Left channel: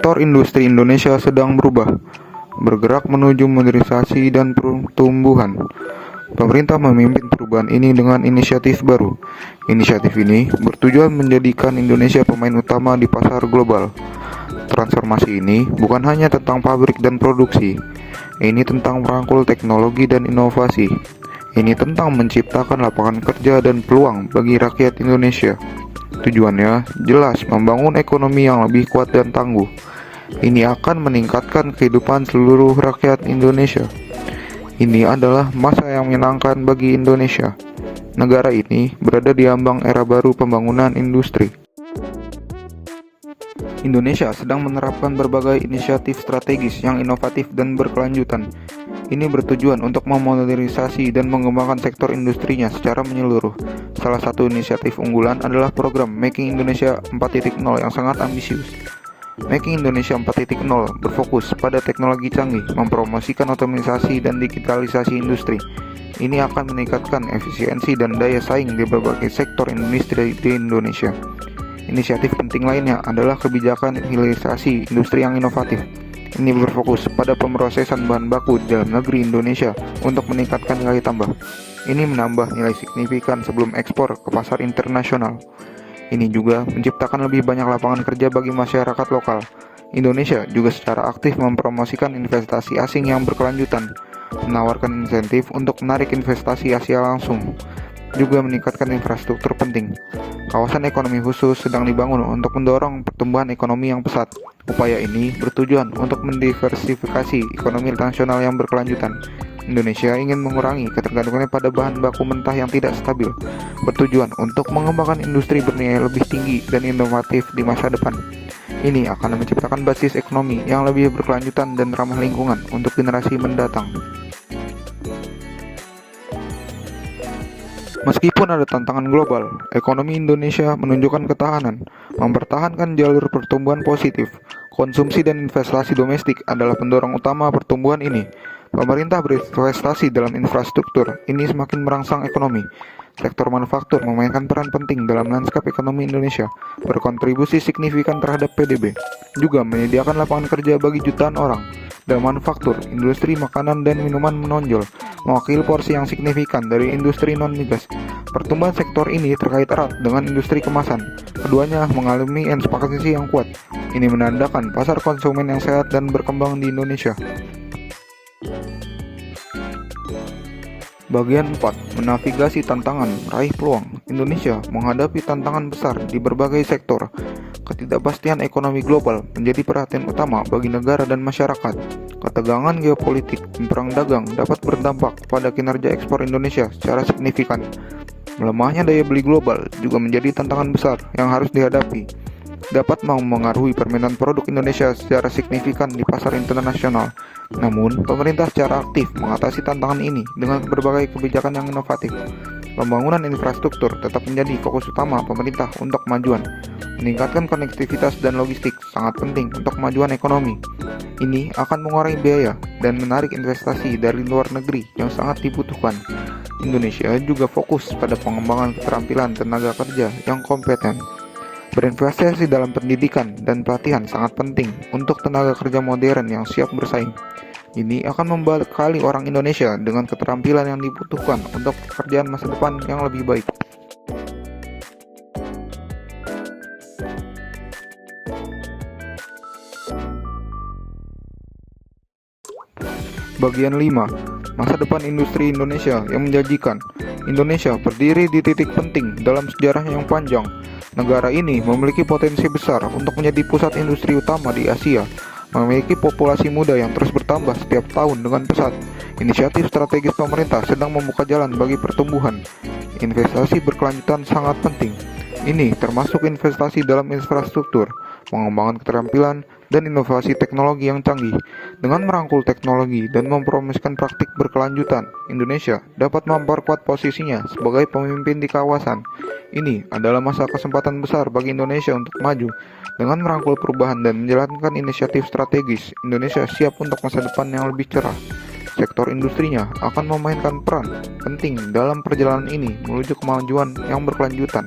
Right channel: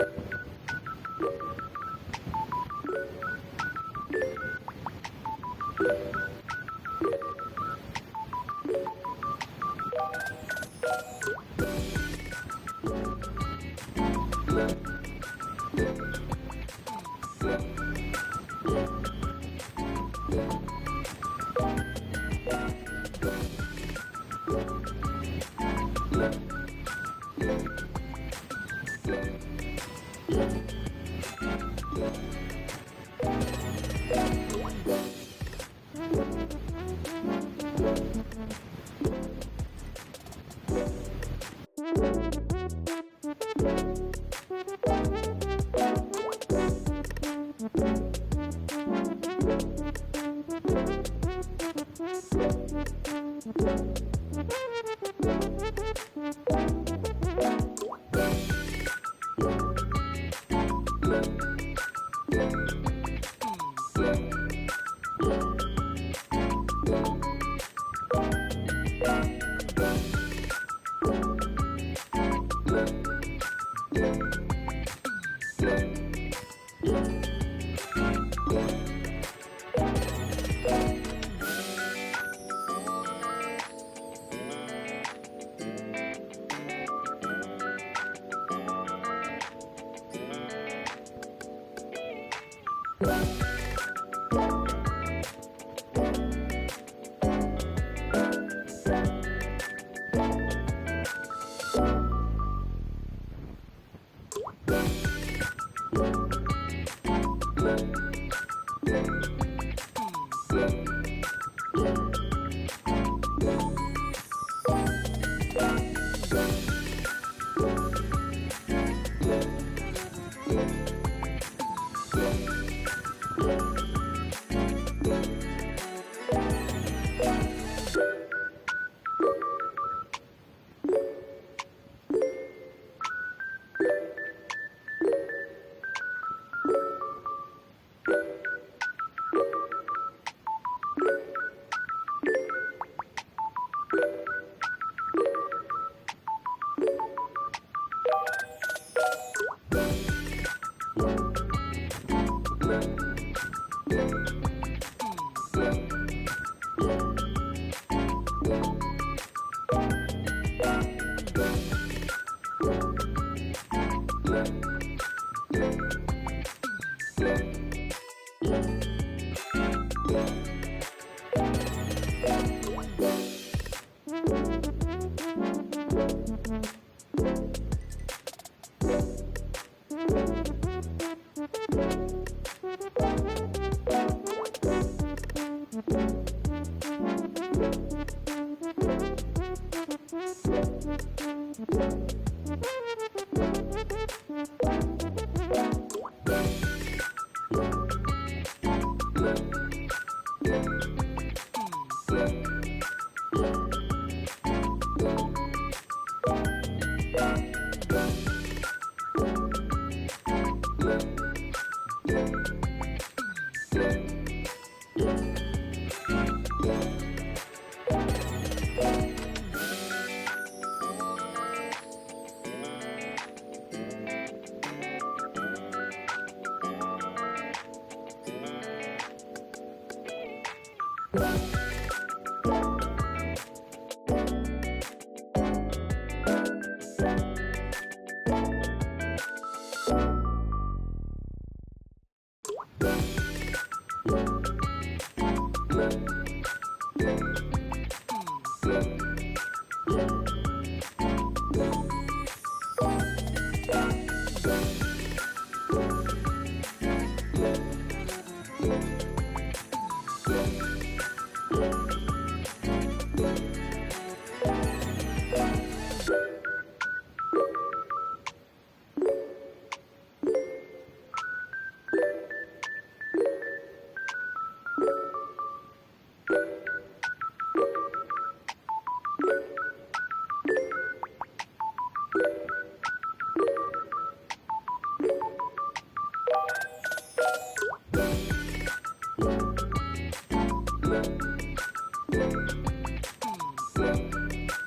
Sektor industri Indonesia sedang berubah, bergerak menuju modernisasi dan pertumbuhan. Pemerintah memimpin perubahan ini dengan inisiatif baru. Inisiatif ini bertujuan menjadikan Indonesia pemain utama di pasar global. Transformasi ini bukan hanya tentang pabrik dan produksi. Ini tentang merangkul teknologi dan inovasi. Ini tentang menciptakan lapangan kerja dan peluang bagi rakyat Indonesia. Tujuannya jelas membangun ekonomi yang lebih kuat dan tangguh. Ini akan meningkatkan kehidupan seluruh rakyat Indonesia. Ini adalah masa yang menyenangkan bagi Indonesia. Negara ini berada di ambang era baru pembangunan industri. Indonesia sedang menerapkan berbagai inisiatif strategis yang inovatif dan berkelanjutan. Ini bertujuan untuk memodernisasi dan mengembangkan sektor industrinya secara menyeluruh. Salah satu inisiatif unggulan adalah program Making Indonesia 4.0 yang sangat ambisius. Making Indonesia 4.0 berfokus pada teknologi canggih, mempromosikan otomatisasi dan digitalisasi industri. Ini akan meningkatkan efisiensi dan daya saing di berbagai sektor industri di Indonesia. Inisiatif penting lainnya adalah kebijakan hilirisasi industri yang inovatif. Ini berfokus pada pemrosesan bahan baku di dalam negeri Indonesia untuk meningkatkan nilai tambah. Ini menambah nilai signifikan sebelum ekspor ke pasar internasional. Ini juga menciptakan lebih banyak lapangan kerja bagi masyarakat lokal. Indonesia juga secara aktif mempromosikan investasi asing yang berkelanjutan, menawarkan insentif untuk menarik investasi Asia langsung, juga meningkatkan infrastruktur penting. Kawasan ekonomi khusus sedang dibangun untuk mendorong pertumbuhan ekonomi yang pesat. Upaya ini bertujuan untuk mendiversifikasi ekonomi nasional yang berkelanjutan. Indonesia ingin mengurangi ketergantungannya pada bahan baku mentah yang tidak stabil, bertujuan untuk mengembangkan industri bernilai lebih tinggi dan inovatif di masa depan. Ini akan menciptakan basis ekonomi yang lebih berkelanjutan dan ramah lingkungan untuk generasi mendatang. Meskipun ada tantangan global, ekonomi Indonesia menunjukkan ketahanan, mempertahankan jalur pertumbuhan positif. Konsumsi dan investasi domestik adalah pendorong utama pertumbuhan ini. Pemerintah berinvestasi dalam infrastruktur, ini semakin merangsang ekonomi. Sektor manufaktur memainkan peran penting dalam lanskap ekonomi Indonesia, berkontribusi signifikan terhadap PDB, juga menyediakan lapangan kerja bagi jutaan orang. Dalam manufaktur, industri makanan dan minuman menonjol, mewakili porsi yang signifikan dari industri non-migas. Pertumbuhan sektor ini terkait erat dengan industri kemasan. Keduanya mengalami ekspansi yang kuat. Ini menandakan pasar konsumen yang sehat dan berkembang di Indonesia. Bagian 4. Menavigasi tantangan, raih peluang. Indonesia menghadapi tantangan besar di berbagai sektor. Ketidakpastian ekonomi global menjadi perhatian utama bagi negara dan masyarakat. Ketegangan geopolitik dan perang dagang dapat berdampak pada kinerja ekspor Indonesia secara signifikan. Melemahnya daya beli global juga menjadi tantangan besar yang harus dihadapi. Dapat mempengaruhi permintaan produk Indonesia secara signifikan di pasar internasional. Namun, pemerintah secara aktif mengatasi tantangan ini dengan berbagai kebijakan yang inovatif. Pembangunan infrastruktur tetap menjadi fokus utama pemerintah untuk kemajuan. Meningkatkan konektivitas dan logistik sangat penting untuk kemajuan ekonomi. Ini akan mengurangi biaya dan menarik investasi dari luar negeri yang sangat dibutuhkan. Indonesia juga fokus pada pengembangan keterampilan tenaga kerja yang kompeten. Berinvestasi dalam pendidikan dan pelatihan sangat penting untuk tenaga kerja modern yang siap bersaing. Ini akan membekali orang Indonesia dengan keterampilan yang dibutuhkan untuk pekerjaan masa depan yang lebih baik. Bagian 5. Masa depan industri Indonesia yang menjanjikan. Indonesia berdiri di titik penting dalam sejarahnya yang panjang. Negara ini memiliki potensi besar untuk menjadi pusat industri utama di Asia, memiliki populasi muda yang terus bertambah setiap tahun dengan pesat. Inisiatif strategis pemerintah sedang membuka jalan bagi pertumbuhan. Investasi berkelanjutan sangat penting. Ini termasuk investasi dalam infrastruktur, pengembangan keterampilan, dan inovasi teknologi yang canggih. Dengan merangkul teknologi dan mempromosikan praktik berkelanjutan, Indonesia dapat memperkuat posisinya sebagai pemimpin di kawasan. Ini adalah masa kesempatan besar bagi Indonesia untuk maju. Dengan merangkul perubahan dan menjalankan inisiatif strategis, Indonesia siap untuk masa depan yang lebih cerah. Sektor industrinya akan memainkan peran penting dalam perjalanan ini menuju kemajuan yang berkelanjutan.